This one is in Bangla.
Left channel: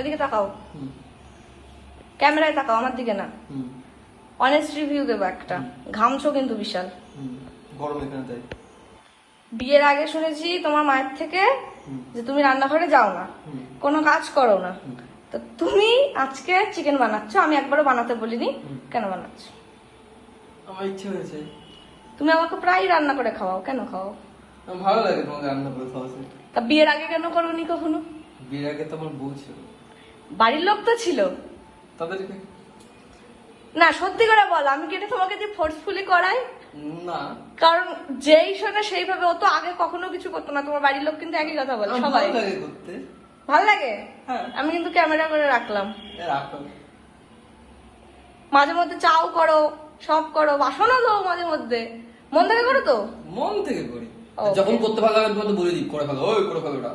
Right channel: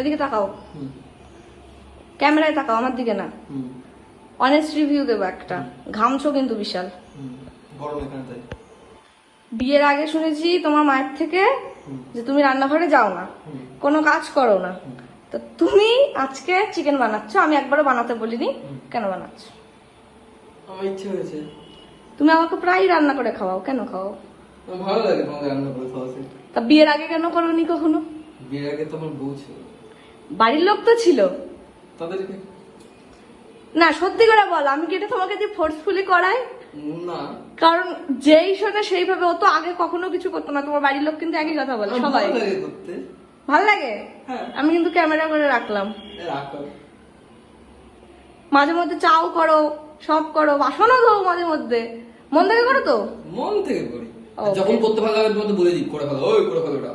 এদিকে তাকাও, ক্যামেরায় তাকাও, আমার দিকে না। অনেস্ট রিভিউ দেবো একটা। ঘামছো কিন্তু বিশাল। গরম এখানে তাই। বিয়ের আগে শুনেছি তোমার মায়ের থেকে যে তুমি রান্নাঘরে যাও না, কোনো কাজ করো না। তো তুমি আজকে চিকেন বানাচ্ছ, আমি একবারও বানাতে বলিনি, কেন বানাচ্ছ? আমার ইচ্ছে হয়েছে। তুমি আমাকে প্রায় রান্না করে খাওয়াও, কেন খাও? আমার ভালো লাগে তোমাকে রান্না করে খাওয়াতে। তা বিয়ের আগে কেন করোনি কখনো? বিয়ের আগে তো আমার বউ ছিল। বাড়ির লোক তো ছিল। তবে না সত্যি করে বল, আমি কি এটা তোমাকে দিয়ে ফোর্সফুলি করাই? না, কারণ যেই সাথে সেইভাবে ও তো আগে কখনো কিছু করতো না। তোমার বাড়ির লোক কিন্তু একই কথা বলে সবাই। ভালো লাগে করতে। ভালো লাগে? হ্যাঁ। আমি কিন্তু ক্যামেরা করে রাখলাম। রাখো। মাঝে মধ্যে চাও করো, সব করো, বাসনও ধরো মাঝে মধ্যে। মন থেকে করো তো? মন থেকে করি, যখন করতে ভালো লাগে বলে দিই করে ফেলো, ওই করে ফেলো ওটা।